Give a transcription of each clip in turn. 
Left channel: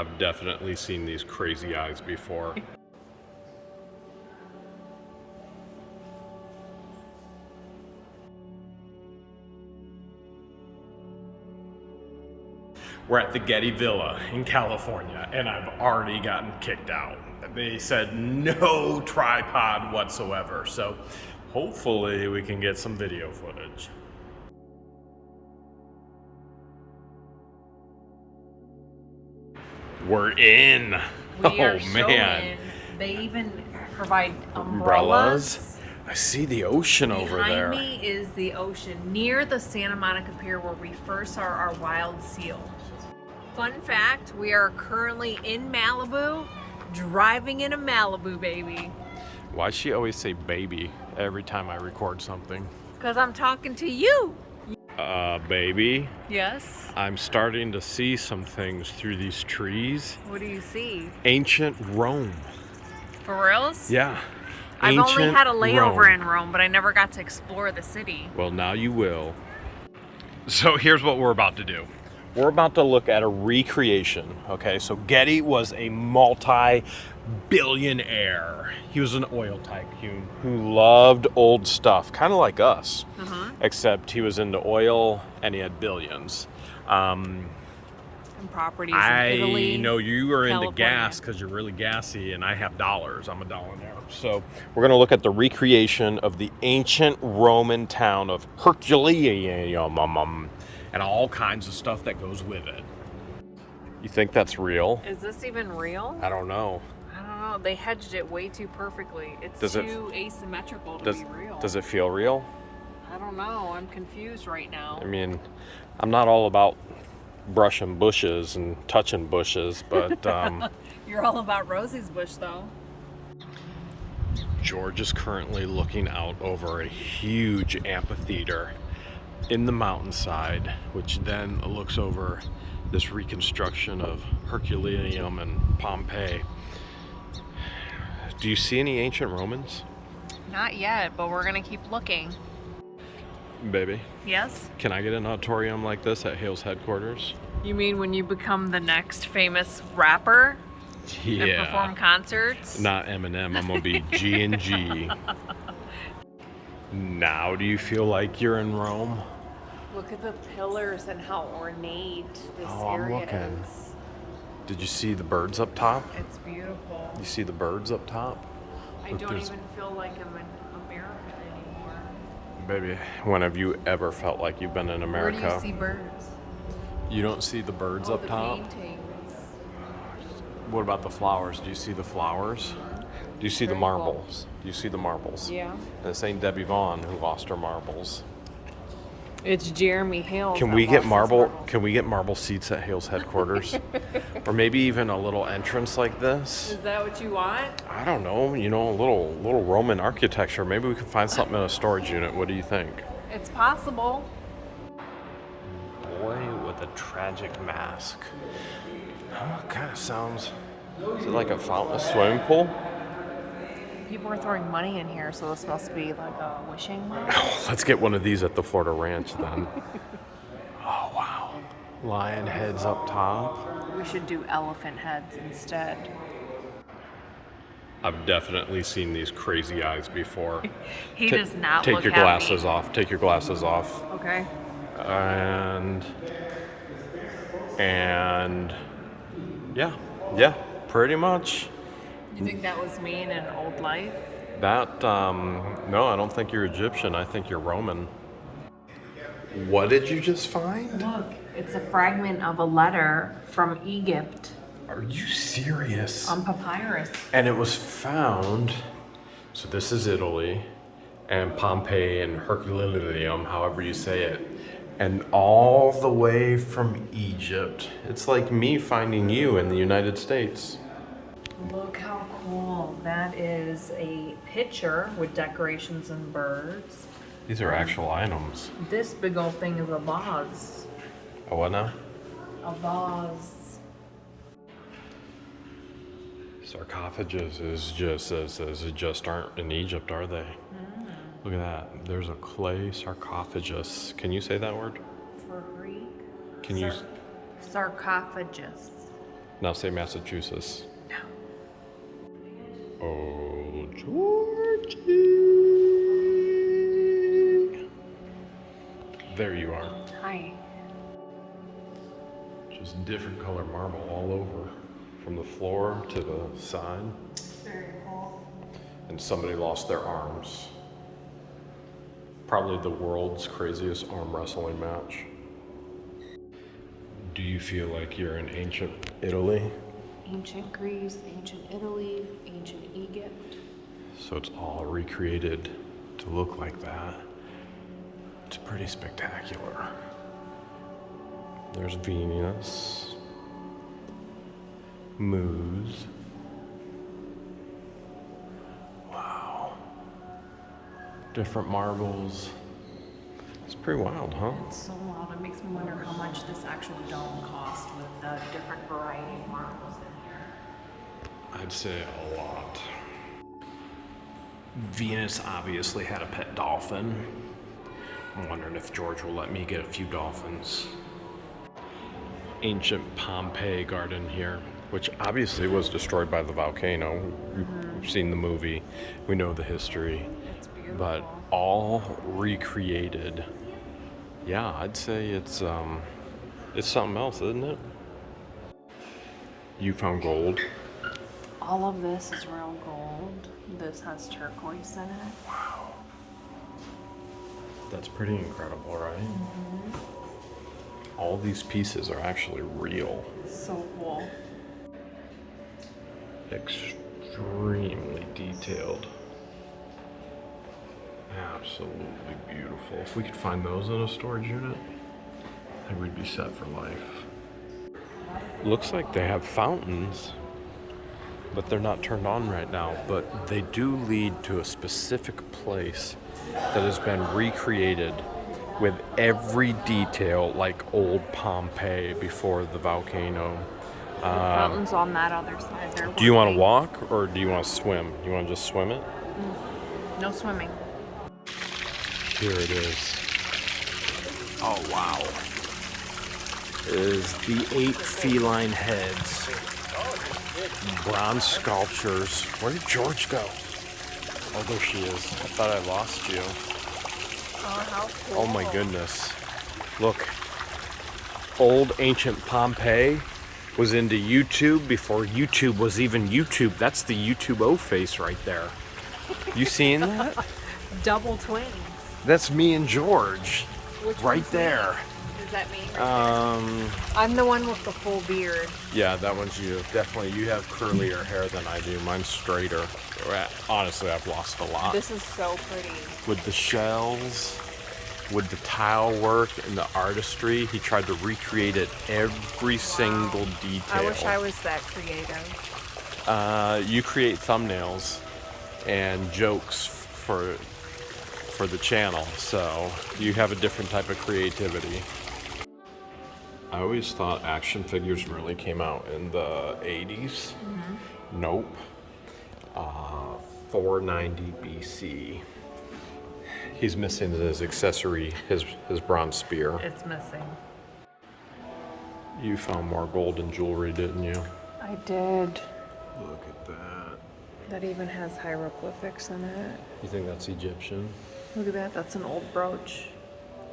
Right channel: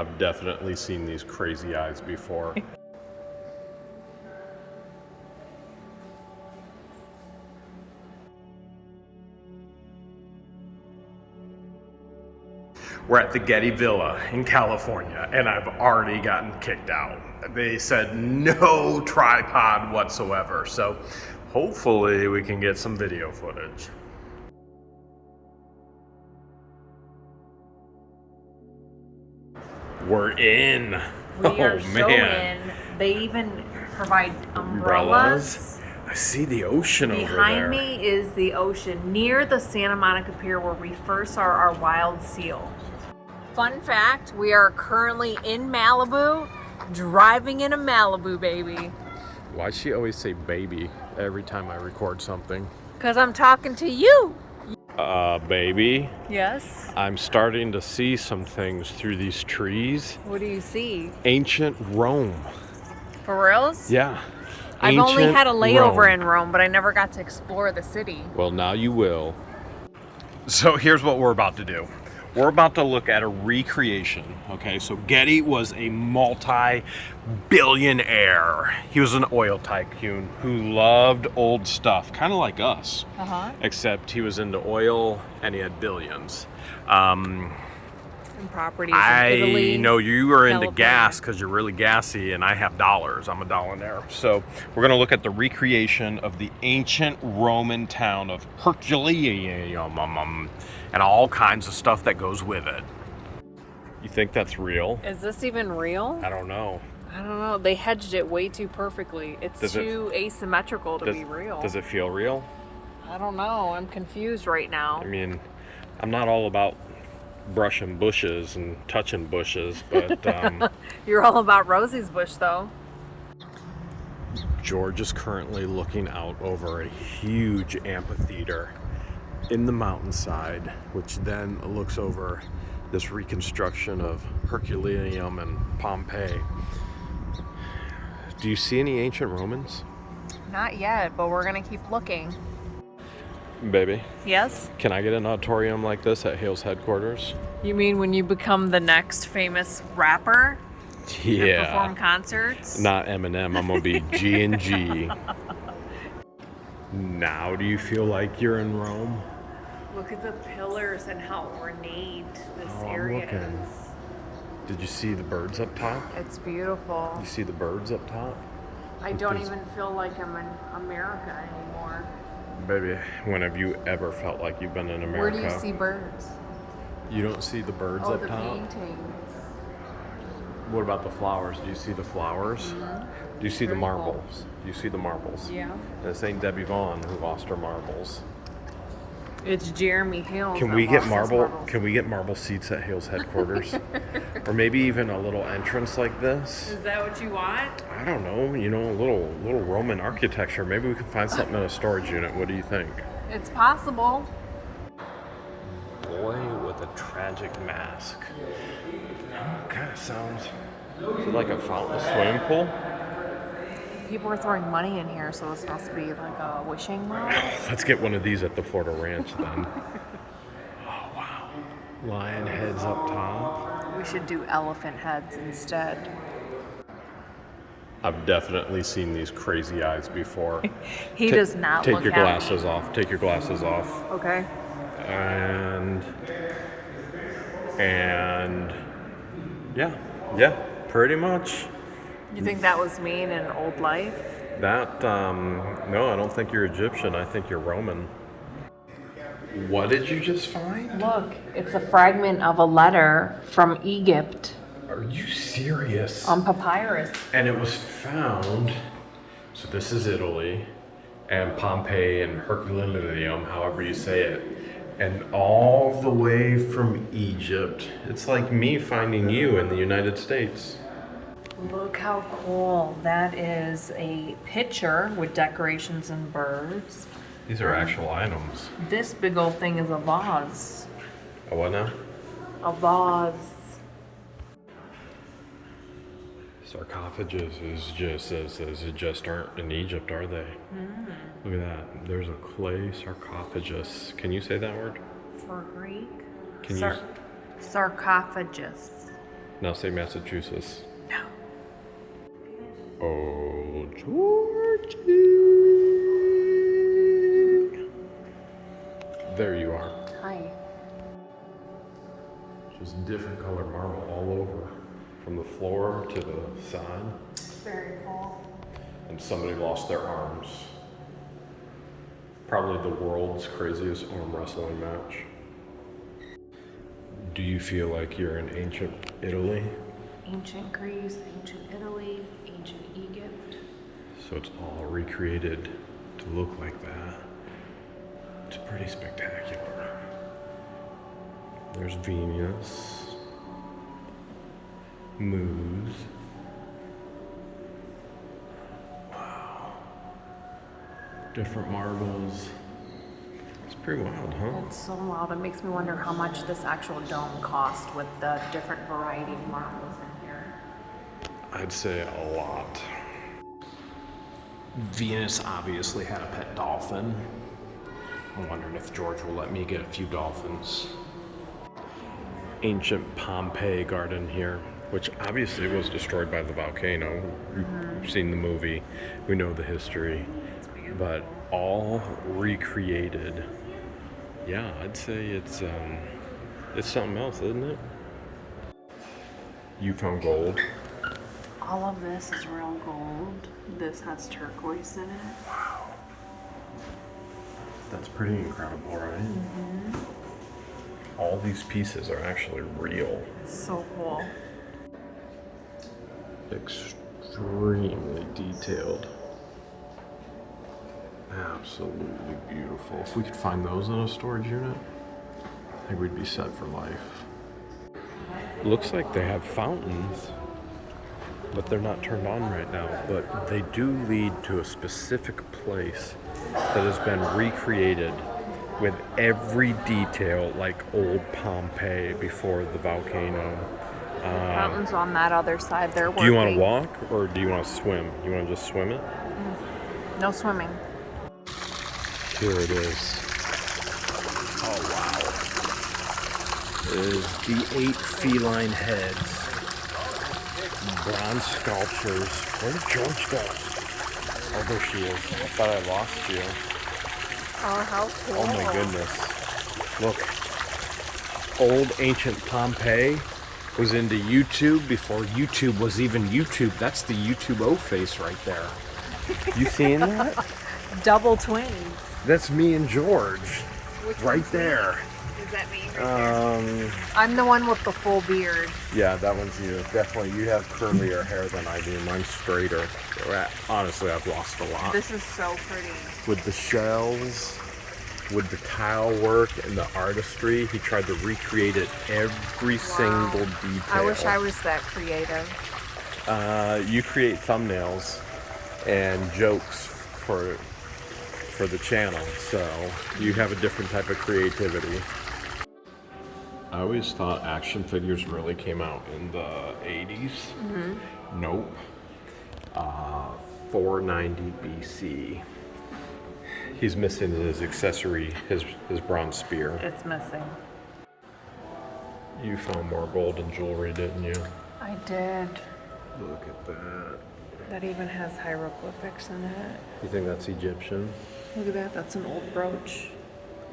I've definitely seen these crazy eyes before. We're at the Getty Villa in California, and I've already gotten kicked out. They said no tripod whatsoever, so hopefully we can get some video footage. We're in. We are so in. They even provide umbrellas. I see the ocean over there. Behind me is the ocean near the Santa Monica Pier where we first saw our wild seal. Fun fact, we are currently in Malibu, driving in a Malibu, baby. Why does she always say baby every time I record something? Because I'm talking to you. Baby. Yes? I'm starting to see some things through these trees. What do you see? Ancient Rome. For reals? Yeah. I've Ancient only had a layover Rome. in Rome, but I never got to explore the city. Well, now you will. So here's what we're about to do. We're about to look at a recreation, okay? So Getty was a multi-billionaire. He was an oil tycoon who loved old stuff, kind of like us. Except he was into oil and he had billions. And properties in Italy. I know you are into California. gas because you're really gassy, and I have dollars. I'm a dollionaire. So we're going to look at the recreation of the ancient Roman town of Herculaneum and all kinds of stuff that goes with it. You think that's real? Is this even real? I don't know. I don't know. They hedged it way too perfectly. It's too asymmetrical to be real. Does it feel real? I don't know. I'm confused right now. I mean, I'm not all about brushing bushes and touching bushes, but You're all about Rosie's bush, though. George is currently looking out over a huge amphitheater in the mountainside, which then looks over this reconstruction of Herculaneum and Pompeii. Do you see any ancient Romans? Not yet, but we're gonna keep looking. Baby, Yes? can I get an auditorium like this at Hale's headquarters? You mean when you become the next famous rapper? And perform concerts? Not Eminem, I'm gonna be G&G. Now do you feel like you're in Rome? Look at the pillars and how ornate this I'm area looking. is. Did you see the birds up top? It's beautiful. You see the birds up top? I Look, don't there's- even feel like I'm in America anymore. Baby, when have you ever felt like you've been in America? Where do you see birds? You don't see the birds Oh, up the top? paintings. What about the flowers? Do you see the flowers? Do you see the Very cool. marbles? Do you see the marbles? Yeah. And this ain't Debbie Vaughn who lost her marbles. It's Jeremy Hale. Can we get Can we get marble seats at Hale's headquarters? Or maybe even a little entrance like this? Is that what you want? I don't know. You know, a little Roman architecture. Maybe we can find something in a storage unit. What do you think? It's possible. Boy with a tragic mask. Kind of sounds. Is it like a fountain, a swimming pool? People are throwing money in here, so this must be like a wishing well. Let's get one of these at the Florida Ranch then. Oh wow. Lion heads up top. We should do elephant heads instead. I've definitely seen these crazy eyes before. He does not Take look your happy. glasses off. Take your glasses off. Okay. And yeah, pretty much. You think that was me in an old life? That no, I don't think you're Egyptian. I think you're Roman. What did you just find? Look, it's a fragment of a letter from Egypt Are you serious? on papyrus. And it was found. So this is Italy, and Pompeii and Herculaneum, however you say it, and all the way from Egypt. It's like me finding you in the United States. Look how cool. That is a picture with decorations and birds. These are actual items. This big old thing is a vase. A what now? A vase. Sarcophages just aren't in Egypt, are they? Look at that. There's a clay sarcophagus. Can you say that word? For Greek? Can you? Sarcophagus. Now say Massachusetts. No. Oh, Georgie. There you are. Hi. Just different color marble all over, from the floor to the side. Very cool. And somebody lost their arms. Probably the world's craziest arm wrestling match. Do you feel like you're in ancient Italy? Ancient Greece, ancient Italy, ancient Egypt. So it's all recreated to look like that. It's pretty spectacular. There's Venus, Muse. Wow. Different marbles. It's pretty wild, huh? It's so wild. It makes me wonder how much this actual dome cost with the different variety of marbles in here. I'd say a lot. Venus obviously had a pet dolphin. I'm wondering if George will let me get a few dolphins. Ancient Pompeii garden here, which obviously was destroyed by the volcano. We've seen the movie, we know the history, but all recreated. Yeah, I'd say it's something else, isn't it? You found gold. All of this is real gold. This has turquoise in it. Wow. That's pretty incredible, right? All these pieces are actually real. So cool. Extremely detailed. Absolutely beautiful. If we could find those in a storage unit, I think we'd be set for life. Looks like they have fountains, but they're not turned on right now. But they do lead to a specific place that has been recreated with every detail like old Pompeii before the volcano. Fountains on that other side. They're Do you want to walk or do you want to swim? You want to just swim it? No swimming. Here it is. Oh wow. It is the 8 feline heads. Bronze sculptures. Where did George go? Oh, there she is. I thought I lost you. Oh, how cool. Oh my goodness. Look. Old ancient Pompeii was into YouTube before YouTube was even YouTube. That's the YouTube O face right there. You seeing that? Double twins. That's me and George. Which Right one's there. Is that me? I'm the one with the full beard. Yeah, that one's you. Definitely, you have curlier hair than I do. Mine's straighter. Honestly, I've lost a lot. This is so pretty. With the shells, with the tile work and the artistry, he tried to recreate it every single detail. I wish I was that creative. You create thumbnails and jokes for the channel, so you have a different type of creativity. I always thought action figures really came out in the 80s. Nope. 490 BC. He's missing his accessory, his bronze spear. It's missing. You found more gold and jewelry, didn't you? I did. Look at that. That even has hieroglyphics in it. You think that's Egyptian? Look at that. That's an old brooch.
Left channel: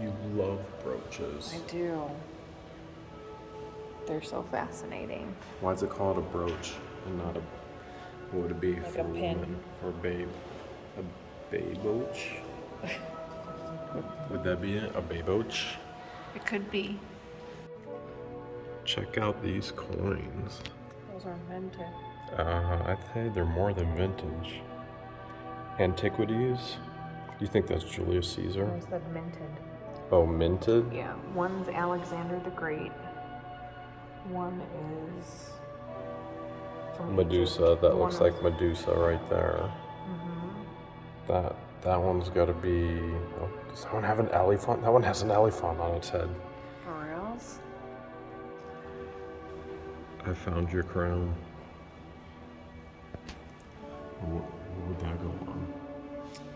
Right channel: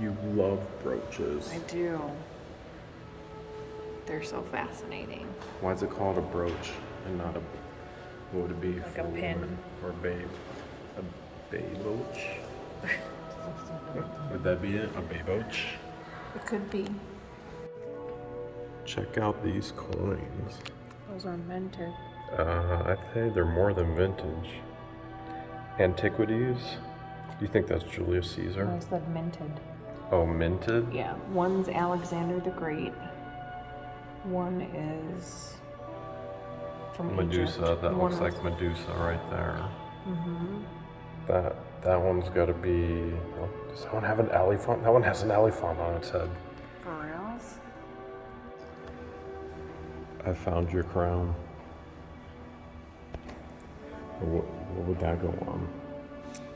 You love brooches. I do. They're so fascinating. Why is it called a brooch and not a, what would it be Like for a pin. women? Or babe? A baboach? Would that be it? A baboach? It could be. Check out these coins. Those are minted. I'd say they're more than vintage. Antiquities? You think that's Julius Caesar? I said minted. Oh, minted? Yeah. One's Alexander the Great. One is from Medusa. Egypt. That looks like Medusa right there. That one's got to be. Oh, does that one have an elephant? That one has an elephant on its head. For reals? I found your crown. What would that go on?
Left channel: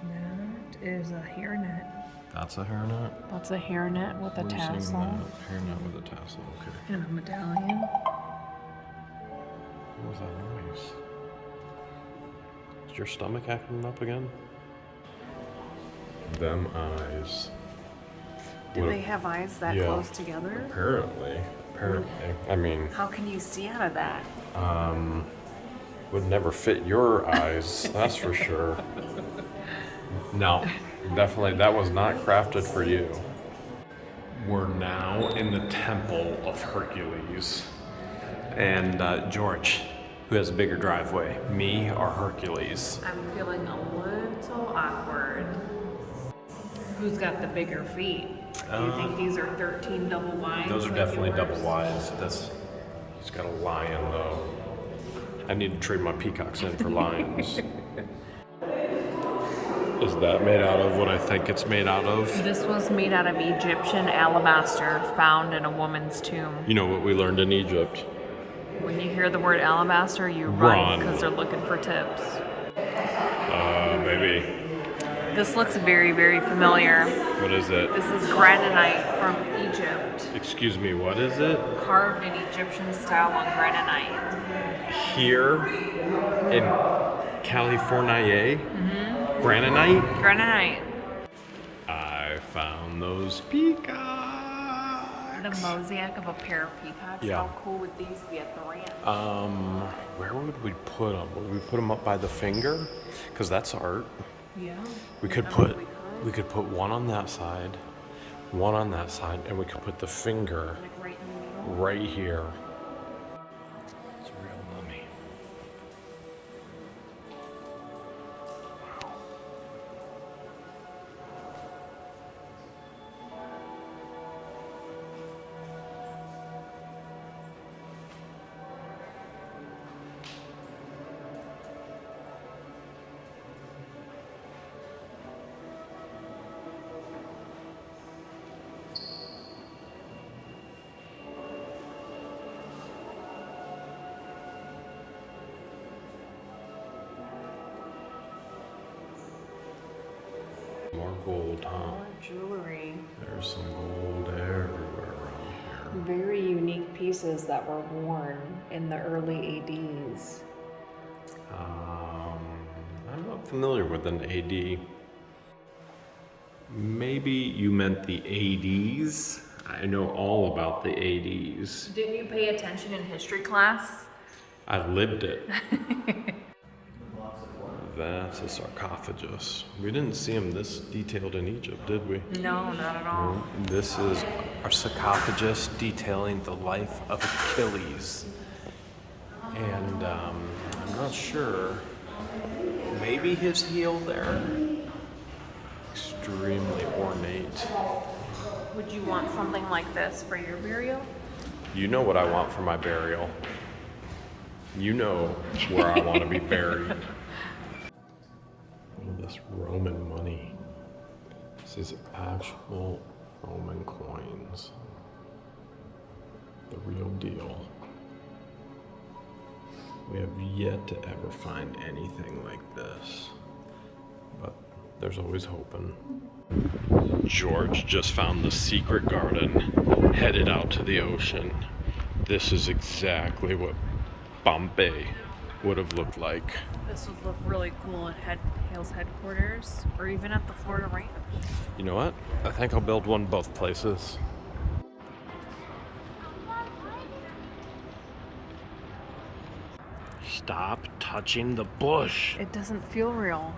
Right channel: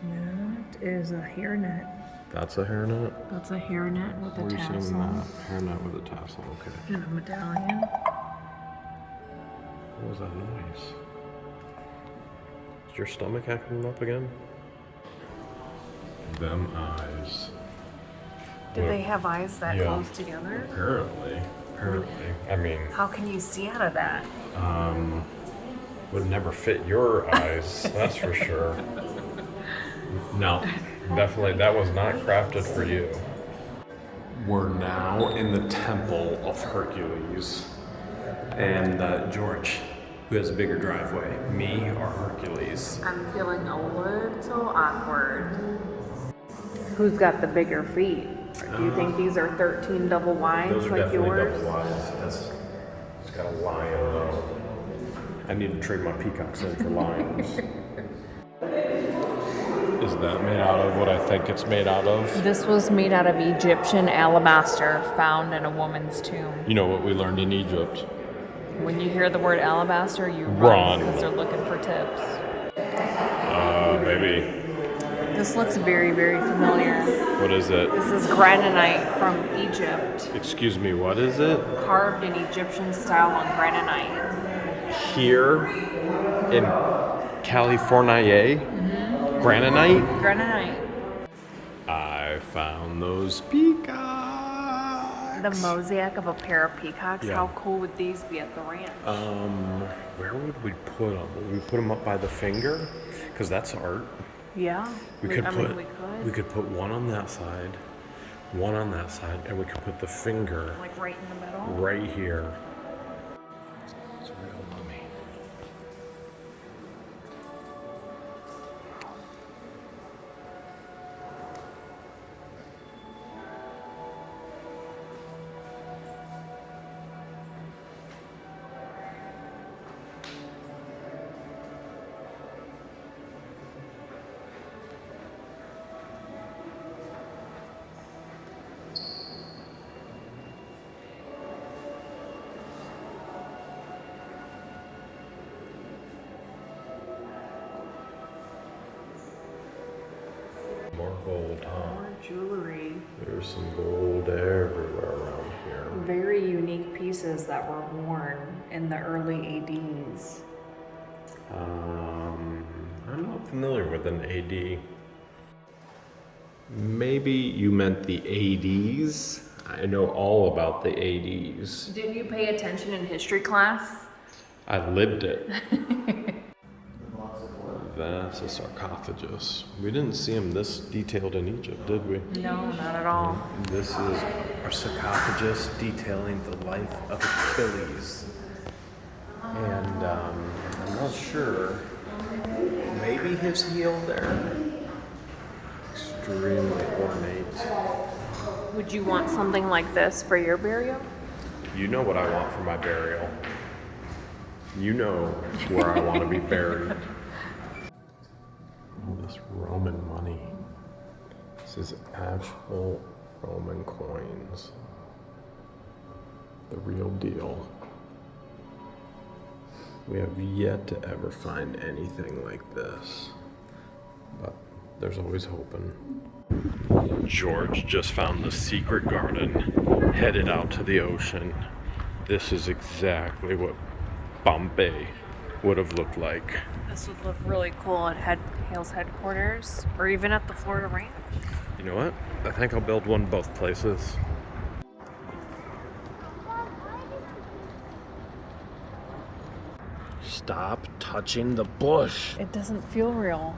That is a hairnet. That's a hairnet? That's a hairnet with Where a are you seeing tassel. that? Hairnet with a tassel, okay. And a medallion. What was that noise? Is your stomach acting up again? Them eyes. Did they have eyes that close together? Apparently. I mean, how can you see out of that? Would never fit your eyes, that's for sure. No, definitely that was not crafted for you. We're now in the Temple of Hercules. And George, who has a bigger driveway, me or Hercules? I'm feeling a little awkward. Who's got the bigger feet? Do you think these are 13 double wides? Those are like definitely yours? double wides. It's got a lion though. I need to trade my peacocks in for lions. Is that made out of what I think it's made out of? This was made out of Egyptian alabaster found in a woman's tomb. You know what we learned in Egypt? When you hear the word alabaster, you Run. because they're looking for tips. Maybe. This looks very, very familiar. What is it? This is granite from Egypt, Excuse me, what is it? carved in Egyptian style on granite. Here in California, granite. Granite. I found those peacocks. The mosaic of a pair of peacocks. Yeah. How cool would these be at the ranch? Where would we put them? Would we put them up by the finger? Because that's art. Yeah. We could put one on that side, one on that side, and we could put the finger like right in the middle. right here. It's a real mummy. More gold, huh? Jewelry. There's some gold everywhere around here. Very unique pieces that were worn in the early ADs. I'm not familiar with an AD. Maybe you meant the ADs. I know all about the ADs. Didn't you pay attention in history class? I lived it. That's a sarcophagus. We didn't see them this detailed in Egypt, did we? No, not at all. This is a sarcophagus detailing the life of Achilles. And I'm not sure. Maybe his heel there. Extremely ornate. Would you want something like this for your burial? You know what I want for my burial. You know where I want to be buried. All this Roman money. This is actual Roman coins. The real deal. We have yet to ever find anything like this. But there's always hoping. George just found the secret garden, headed out to the ocean. This is exactly what Bombay would have looked like. This would look really cool at Hale's headquarters, or even at the Florida Ranch. You know what? I think I'll build one both places. Stop touching the bush. It doesn't feel real.